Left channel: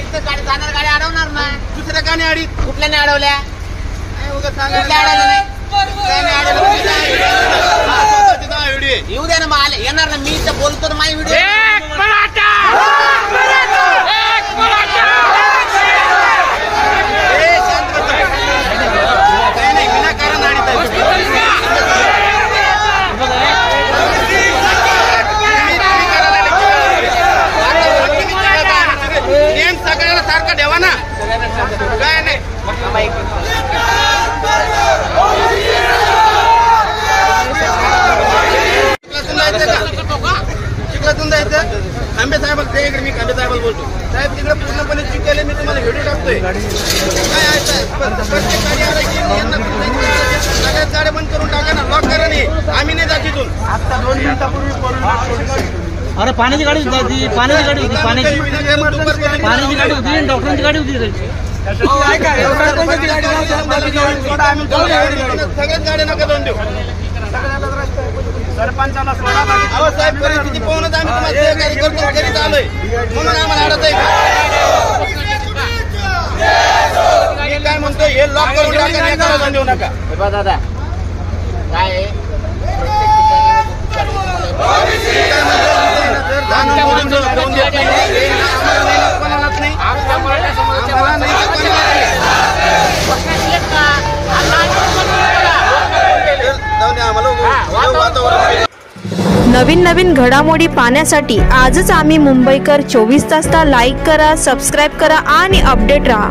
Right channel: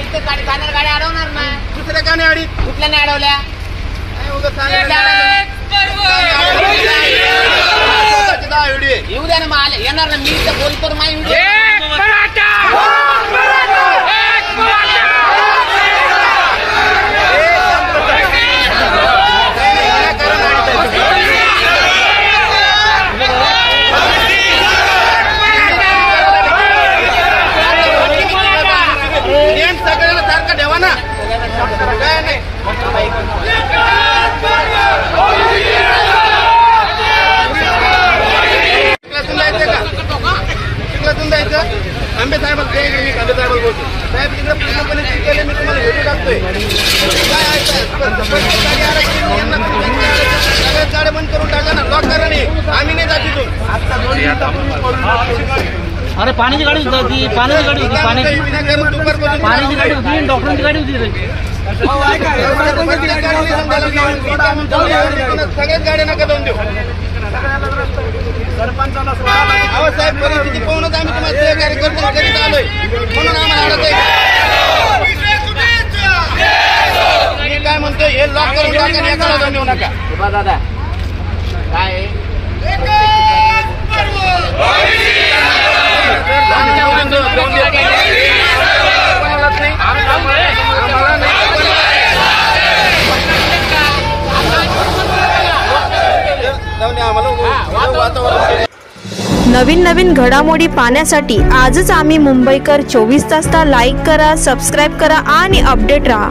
इथं गाडी जाणार गाडी अडवणार ना दुसऱ्या गाणी अडी कुठल्या नाही अडवल्या येऊ द्या ना मला येणार ना मी तर बोलतो ना माझी व्हिडिओ सगळ्यांना सारखं ठेवा ना काय नाही आंबे साहेब मी आंबे साहेब बोलतो साहेब तिकडे पूर्णपणे चिकले मी तुम्हाला व्हिडिओ टाकतोय गाड्या बंद करून टाका ना लॉक करा नाही आम्ही नाही जात तिथून आता 2 मिनिटापूर्वी पडून अरे पाण्याची गाडी होती पाण्याची गाडी होती पाण्याची गाडी होती डॉक्टरांची गाडी होती सगळ्याच गाड्या नका दोन देऊ सरपंचाला साहेब परिस्थिती पाहूनच आम्ही तुम्हाला सहकार्य करतो करीत आलोय म्हणून आम्हाला अडत आहे काय म्हणतोय हे लॉक करून टाका देऊ नका दादा काय नवीन नवीन घडामोडी पाहण्यासाठी आजच आम्ही मुंबईकर 24 तासला लाईक करा, सबस्क्राईब करा आणि अपडेट रहा।